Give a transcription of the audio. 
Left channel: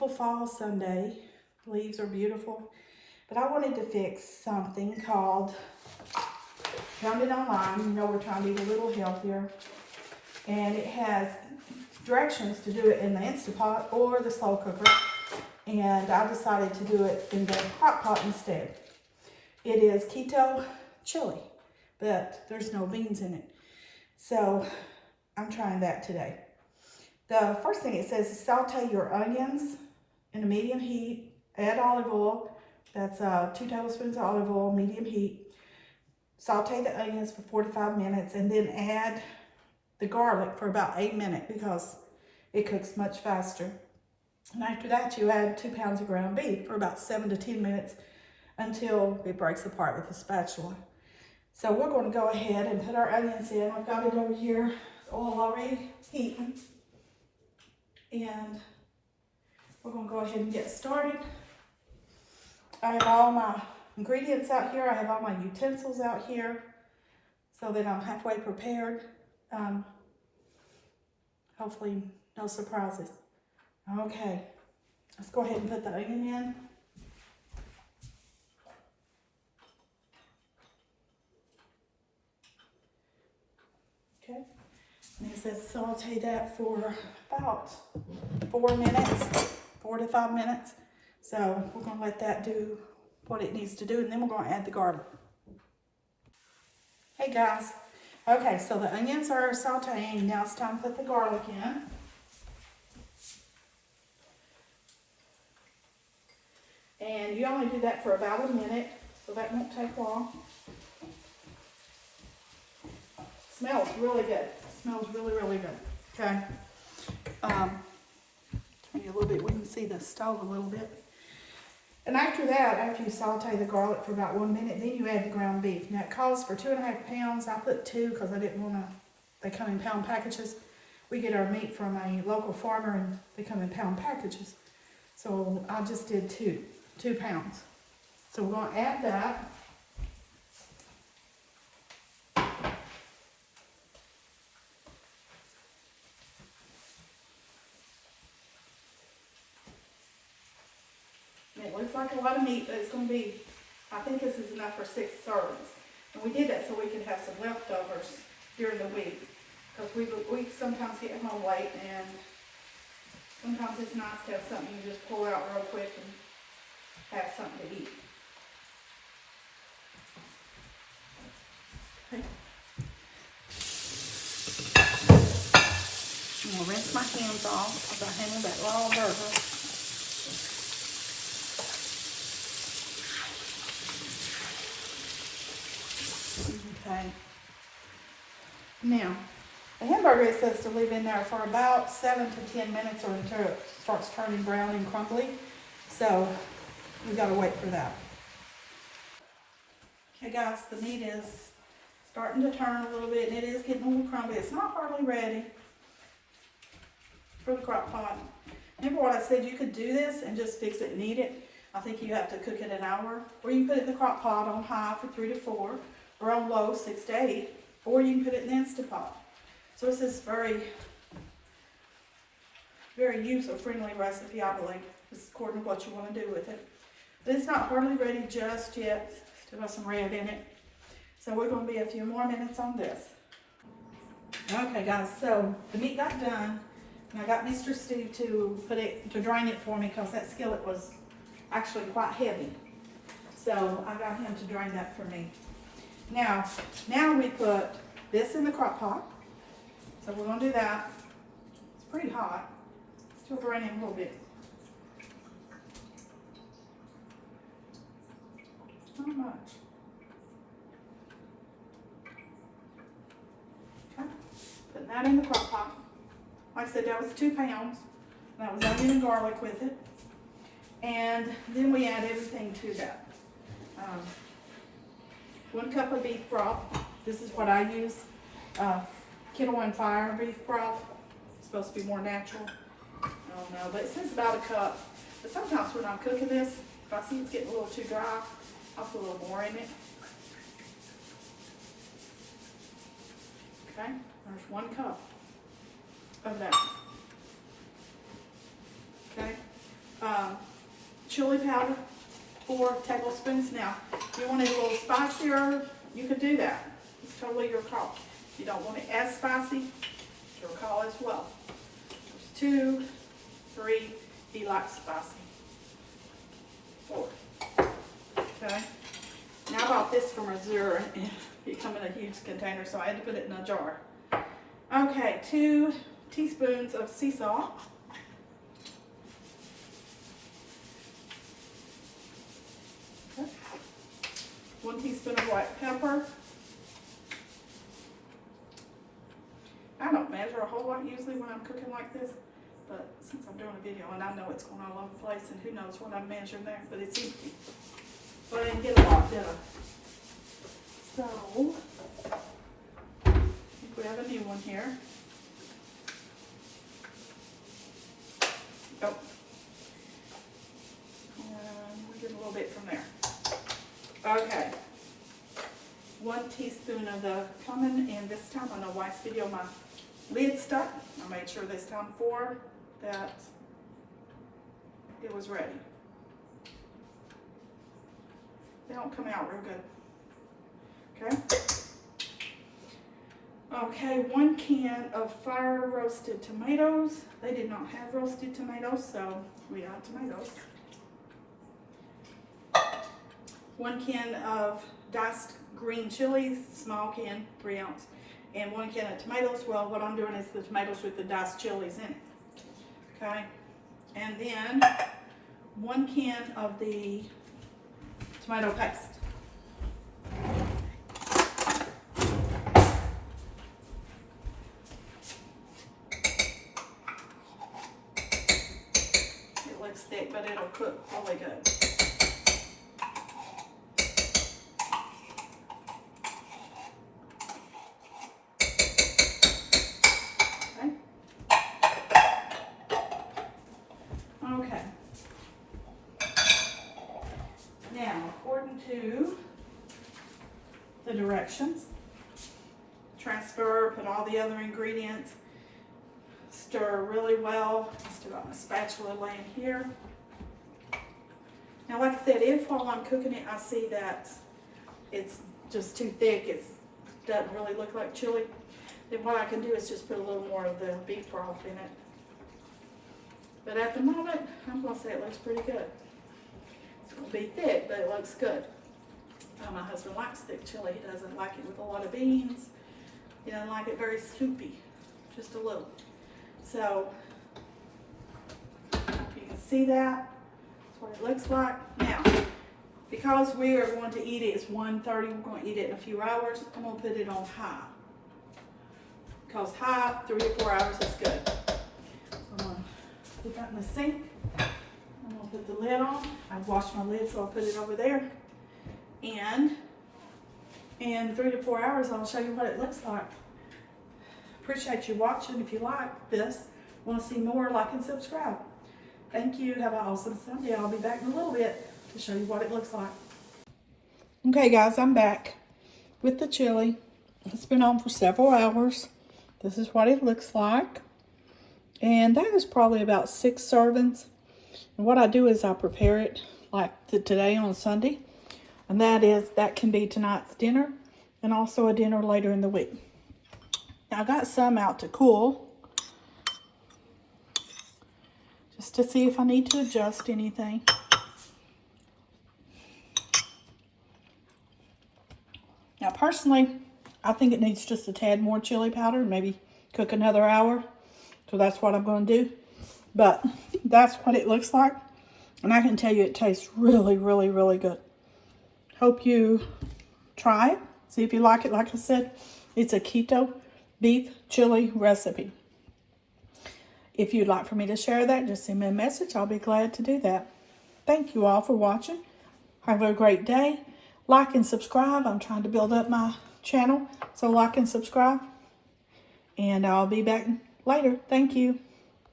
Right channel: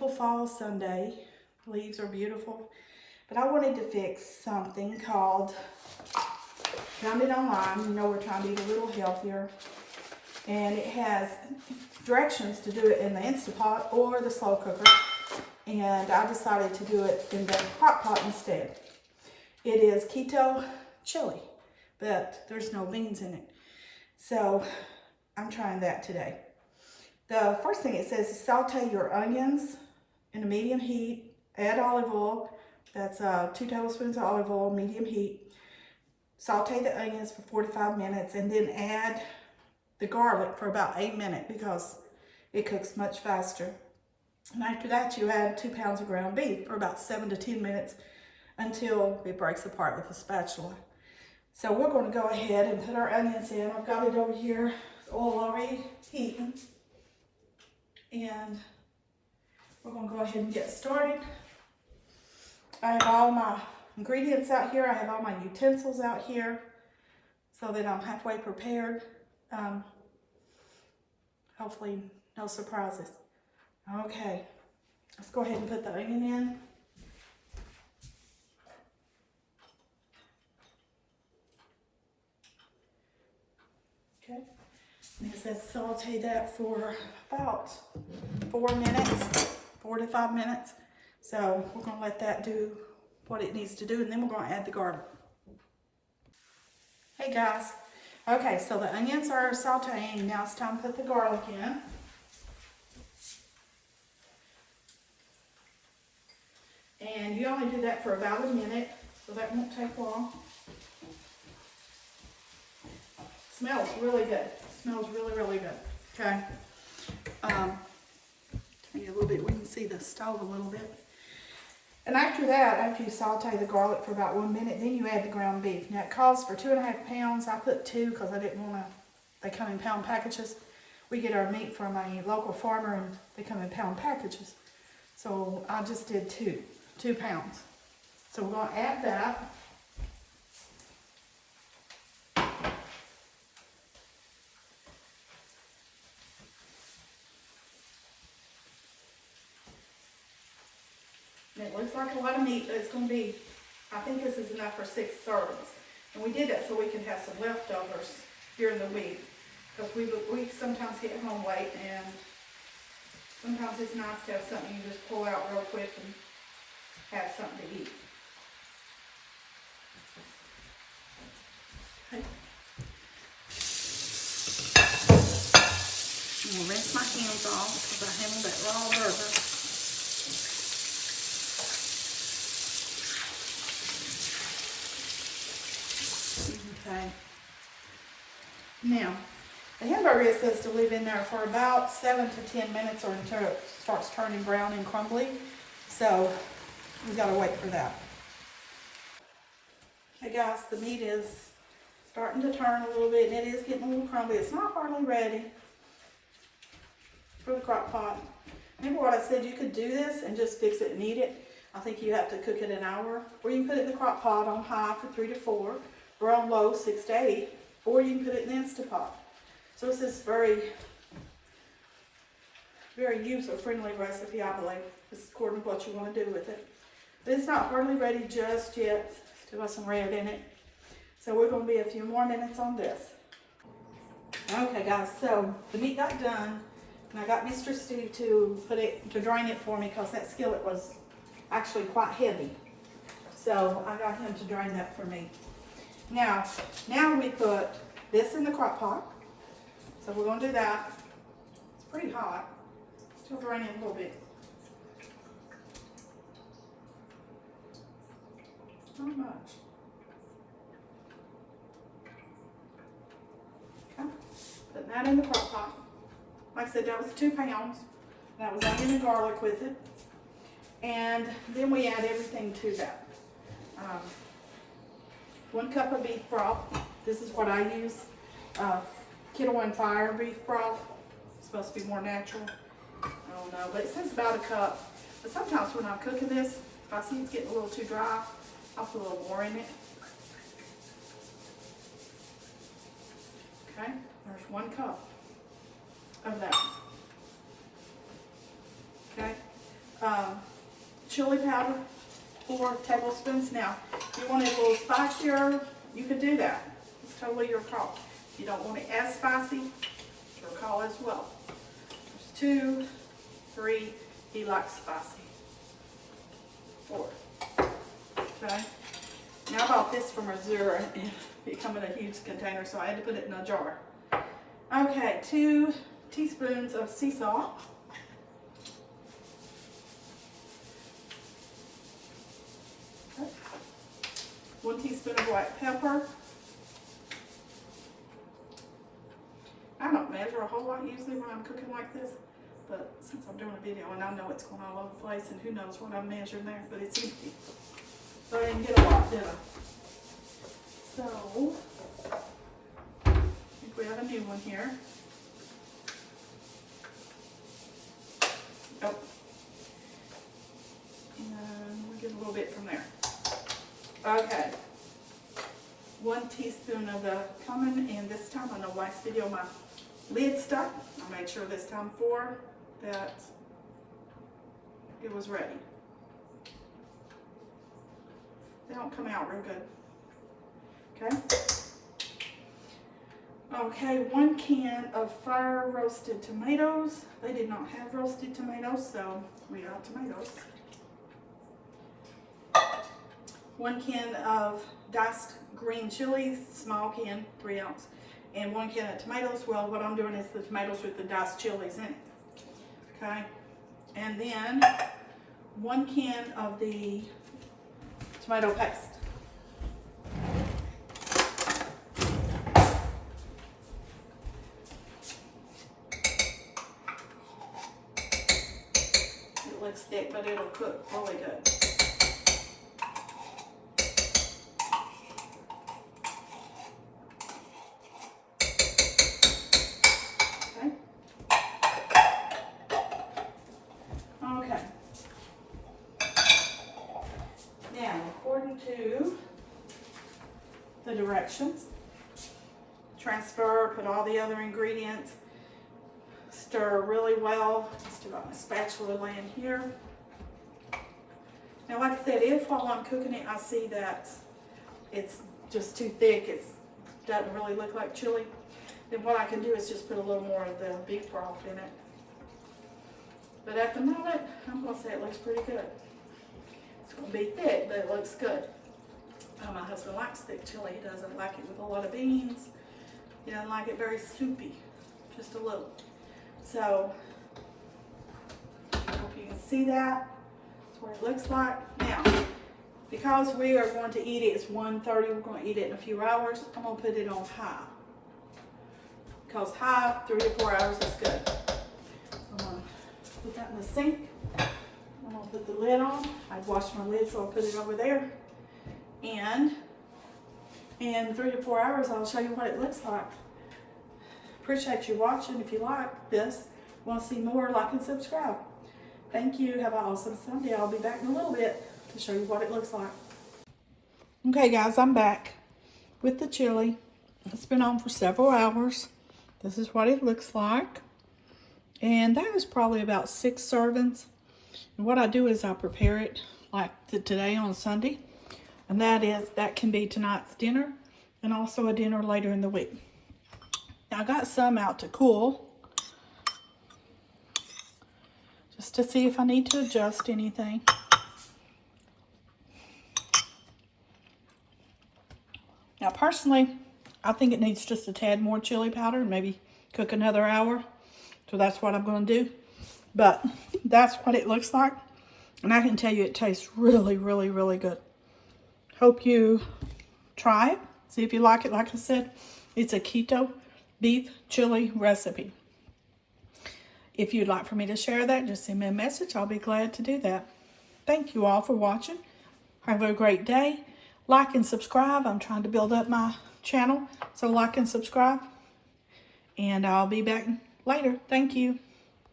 beautiful fall Sunday. Leaves are beautiful. But I wanted to fix something called, found it online, you know we're trying to eat a little healthier. And it has directions to do it in the Instant Pot or the slow cooker. And I decided to do it in the crock pot instead. It is Keto Chili, but there's no beans in it. So I'm trying that today. The first thing it says is saute your onions in a medium heat, add olive oil. That's 2 tablespoons of olive oil, medium heat. Saute the onions for 45 minutes and then add the garlic for about 8 minutes because it cooks much faster. And after that, you add 2 pounds of ground beef for about 7 to 10 minutes until it breaks apart with a spatula. So we're going to go ahead and put our onions in. I've got it over here, oil already heating. And we're going to go ahead and get started. I have all my ingredients out here. I have all my utensils out here so that I'm halfway prepared. Hopefully no surprises. Okay, let's go ahead and put the onion in. Okay, and it says saute that for about 4 minutes, 4 to 5 minutes. So we're gonna let that do what it needs to do, and then we're gonna add the garlic. Hey guys, okay, so the onions are sauteing. Now it's time to put the garlic in. And you only do that for about a minute, so that won't take long. Smells really good. Smells really, really good. Okay. Turn it a little bit. We can see the stove a little bit. And after that, after you saute the garlic for about 1 minute, then you add the ground beef. Now it calls for 2.5 pounds. I put 2 because I didn't want to. They come in pound packages. We get our meat from a local farmer, and they come in pound packages. So I just did 2 pounds. So we're going to add that. And it looks like a lot of meat, but it's going to be, I think this is enough for 6 servings. And we did that so we could have some leftovers during the week. Because we sometimes get home late, and sometimes it's nice to have something you just pull out real quick and have something to eat. Okay. I'm going to rinse my hands off because I handled that raw burger. Okay. Now, the hamburger, it says to leave in there for about 7 to 10 minutes or until it starts turning brown and crumbly. So we got to wait for that. Okay guys, the meat is starting to turn a little bit, and it is getting a little crumbly. It's not hardly ready for the crock pot. Remember what I said, you could do this and just fix it and eat it. I think you have to cook it an hour, or you can put it in the crock pot on high for 3 to 4, or on low 6 to 8, or you can put it in the Instant Pot. So it's this very, very user-friendly recipe, I believe. It's according to what you want to do with it. But it's not hardly ready just yet. Still got some red in it. So we're going to be a few more minutes on this. Okay guys, so the meat got done, and I got Mr. Steve to drain it for me because that skillet was actually quite heavy. So I got him to drain that for me. Now we put this in the crock pot. So we're going to do that. It's pretty hot. Still draining a little bit. Not much. Okay. Putting that in the crock pot. Like I said, that was 2 pounds. That was onion and garlic with it. And then we add everything to that. 1 cup of beef broth. This is what I use. Keto on Fire beef broth. It's supposed to be more natural. I don't know, but it says about 1 cup. But sometimes when I'm cooking this, if I see it's getting a little too dry, I'll put a little more in it. Okay, there's 1 cup of that. Okay, chili powder, 4 tablespoons. Now, if you want it a little spicier, you could do that. It's totally your call. If you don't want it as spicy, it's your call as well. There's 2, 3, he likes spicy. 4. Okay. Now I bought this from Missouri and it come in a huge container, so I had to put it in a jar. Okay, 2 teaspoons of sea salt. Okay. 1 teaspoon of white pepper. I don't measure a whole lot usually when I'm cooking like this, but since I'm doing a video and I know it's going all over the place and who knows what I'm measuring there, but it's empty. So I didn't get a lot dinner. So, I think we have a new one here. Oh. And we get a little bit from there. Okay. 1 teaspoon of the cumin, and this time on the last video my lid stuck. I made sure this time that it was ready. They don't come out real good. Okay. Okay, 1 can of fire roasted tomatoes. They did not have roasted tomatoes, so we add tomatoes. 1 can of diced green chilies, small can, 3 ounce. And 1 can of tomatoes. Well, what I'm doing is the tomatoes with the diced chilies in it. Okay. And then 1 can of the tomato paste. It looks thick, but it'll cook really good. Okay. Now, according to the directions, transfer, put all the other ingredients, stir really well. Still got my spatula laying here. Now, like I said, if while I'm cooking it, I see that it's just too thick, it doesn't really look like chili, then what I can do is just put a little more of the beef broth in it. But at the moment, I'm going to say it looks pretty good. It's going to be thick, but it looks good. My husband likes thick chili. He doesn't like it with a lot of beans. He doesn't like it very soupy, just a little. So, I hope you can see that. That's what it looks like. Now, because we are going to eat it, it's 1:30, we're going to eat it in a few hours. I'm going to put it on high. Because high, 3 to 4 hours is good. I'm going to put that in the sink. I'm going to put the lid on. I washed my lid, so I'll put it over there. And in 3 to 4 hours, I'll show you what it looks like. Appreciate you watching. If you like this, want to see more, like and subscribe. Thank you. Have an awesome Sunday. I'll be back in a little bit to show you what it looks like. Okay, guys, I'm back with the chili. It's been on for several hours. This is what it looks like. And that is probably about 6 servings. And what I do is I prepare it like today on Sunday. And that can be tonight's dinner and also a dinner later in the week. Now I got some out to cool, just to see if I need to adjust anything. Now personally, I think it needs just a tad more chili powder, maybe cook another hour. So that's what I'm going to do. But that's what it looks like. And I can tell you it tastes really, really, really good. Hope you try it. See if you like it. Like I said, it's a keto beef chili recipe. If you'd like for me to share that, just send me a message. I'll be glad to do that. Thank you all for watching. Have a great day. Like and subscribe. I'm trying to build up my channel. So like and subscribe. And I'll be back later. Thank you.